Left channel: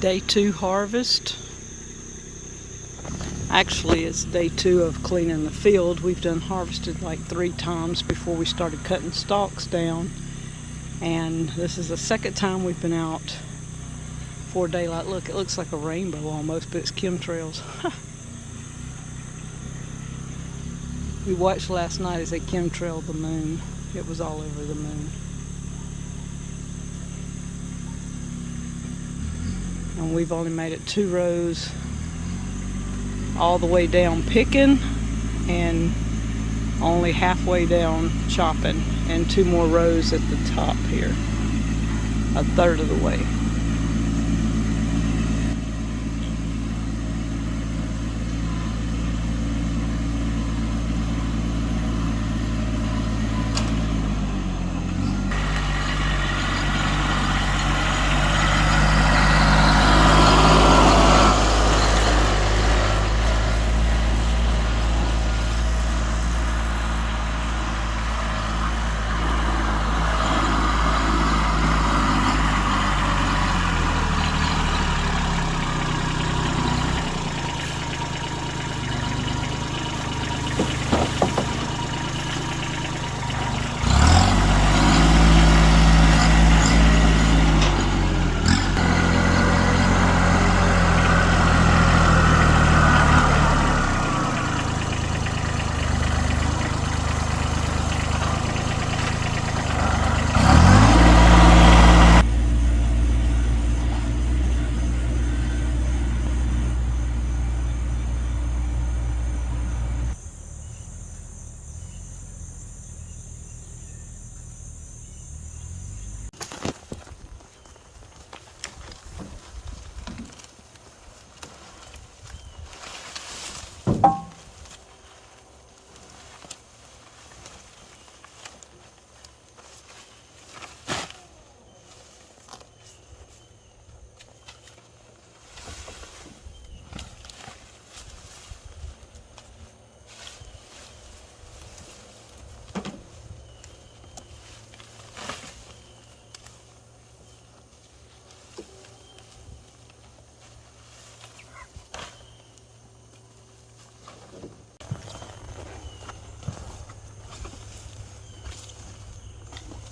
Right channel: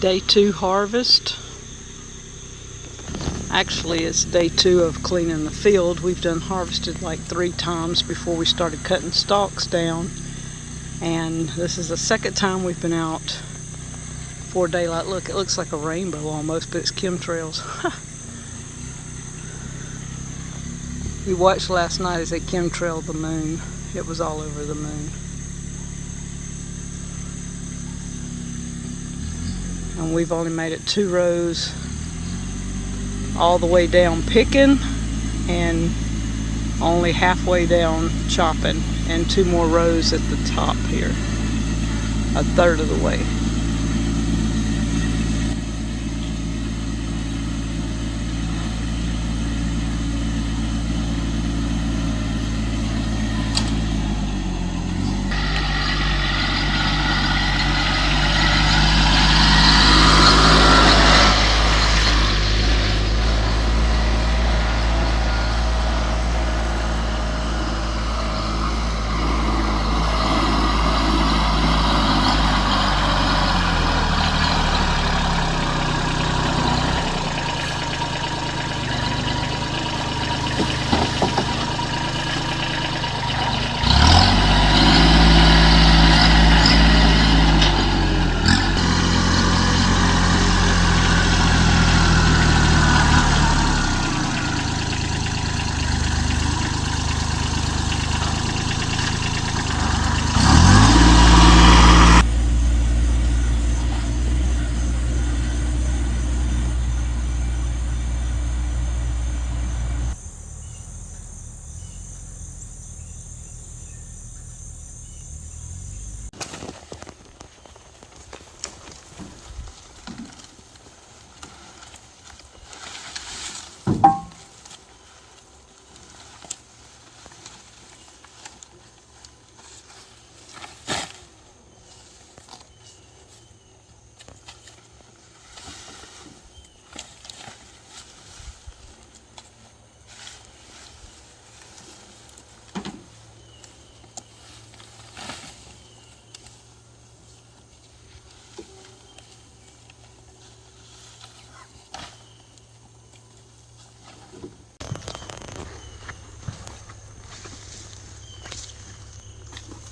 Day 2 harvest. Actually, it's day 2 of cleaning the field. We've done harvested like 3 times before we started cutting stalks down. And this is the second time we've been out for daylight. Look, it looks like a rainbow almost, but it's chemtrails. We watched last night as they chemtrailed the moon. It was all over the moon. And we've only made it 2 rows all the way down picking and only halfway down chopping, and 2 more rows at the top here, a third of the way.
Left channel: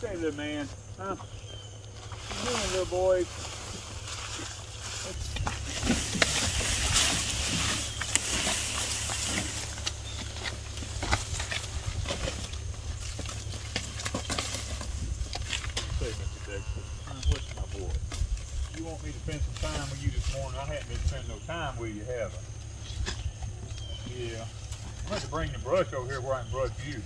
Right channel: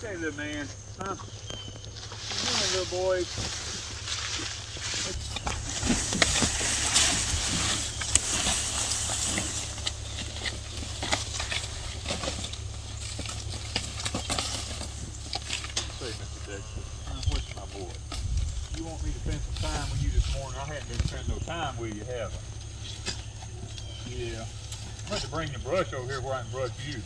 Hey, little man, huh? Come on, little boy. Say, Mr. Dexter, what's my boy? You want me to spend some time with you this morning? I hadn't been spending no time with you, have I? Yeah. I'm going to bring the brush over here where I can brush you.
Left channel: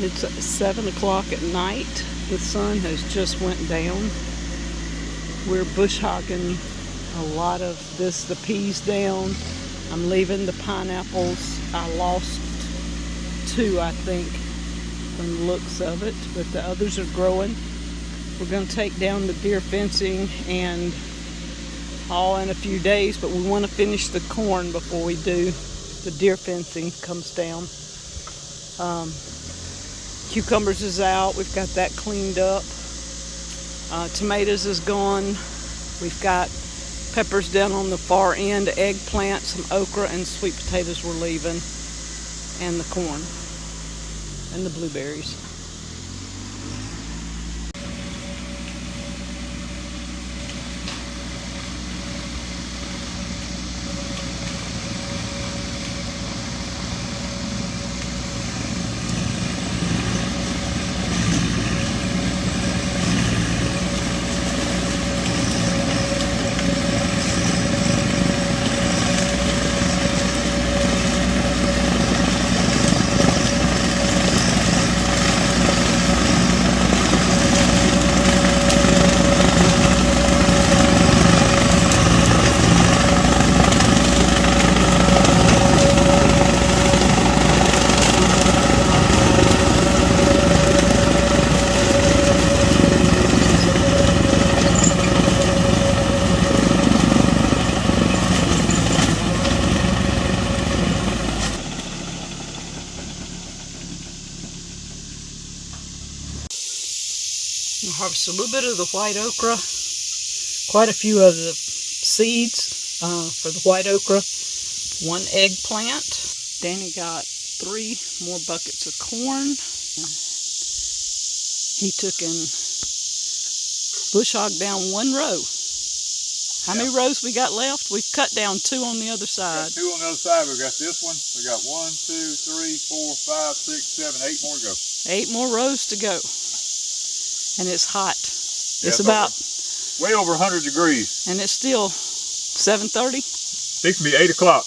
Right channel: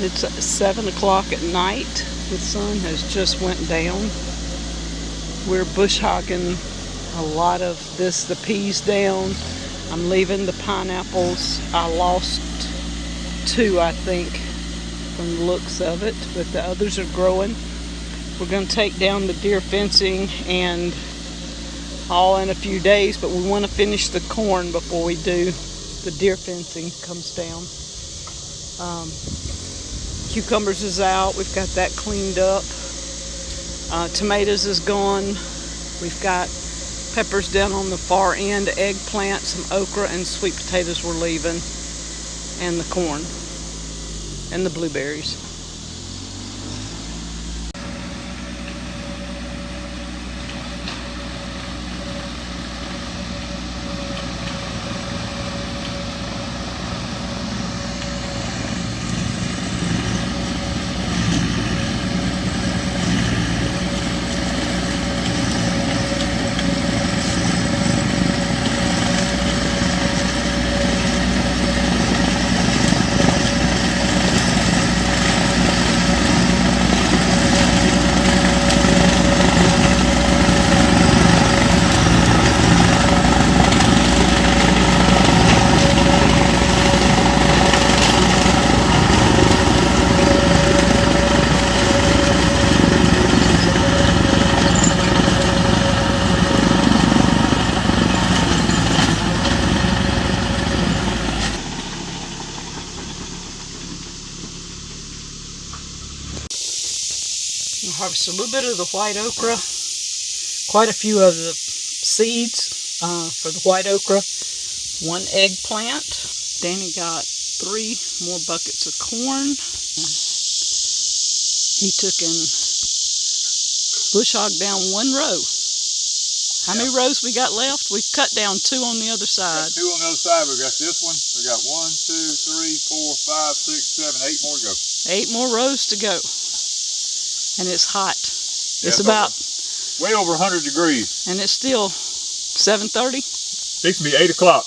It's 7 o'clock at night. The sun has just went down. We're bush hogging a lot of the peas down. I'm leaving the pineapples. I lost 2, I think, from the looks of it, but the others are growing. We're going to take down the deer fencing and all in a few days, but we want to finish the corn before we do the deer fencing comes down. Cucumbers is out. We've got that cleaned up. Tomatoes is gone. We've got peppers down on the far end, eggplant, some okra, and sweet potatoes we're leaving, and the corn and the blueberries. I'll harvest a little bit of the white okra, quite a few of the seeds for the white okra, 1 eggplant. Danny got 3 more buckets of corn. He took and bush hogged down 1 row. How many rows we got left? We've cut down 2 on the other side. Got 2 on the other side. We got this one. We got 1, 2, 3, 4, 5, 6, 7, 8 more to go. 8 more rows to go. And it's hot. Yeah, It's about way over 100 degrees. And it's still 7:30. Fixing to be 8 o'clock.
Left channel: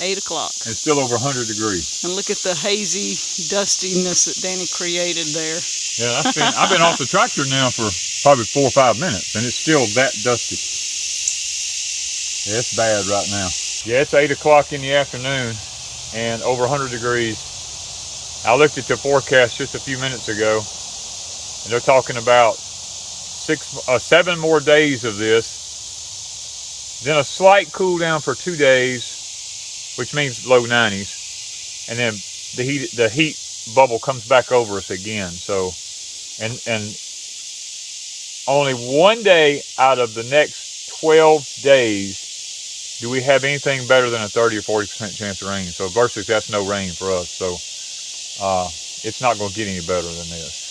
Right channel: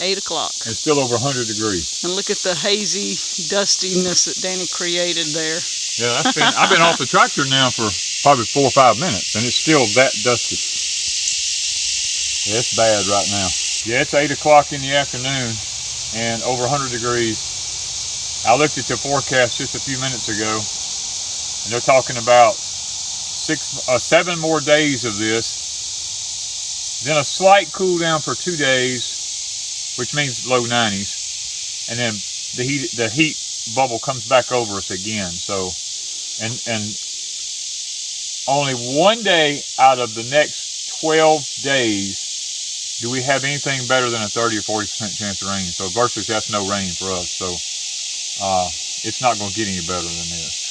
8 o'clock. And it's still over 100 degrees. And look at the hazy dustiness that Danny created there. Yeah, I've been off the tractor now for probably 4 or 5 minutes, and it's still that dusty. Yeah, it's bad right now. Yeah, it's 8 o'clock in the afternoon and over 100 degrees. I looked at the forecast just a few minutes ago, and they're talking about 7 more days of this, then a slight cool down for 2 days, which means low 90s, and then the heat bubble comes back over us again. So, and only 1 day out of the next 12 days do we have anything better than a 30 or 40% chance of rain. So virtually that's no rain for us. So it's not going to get any better than this.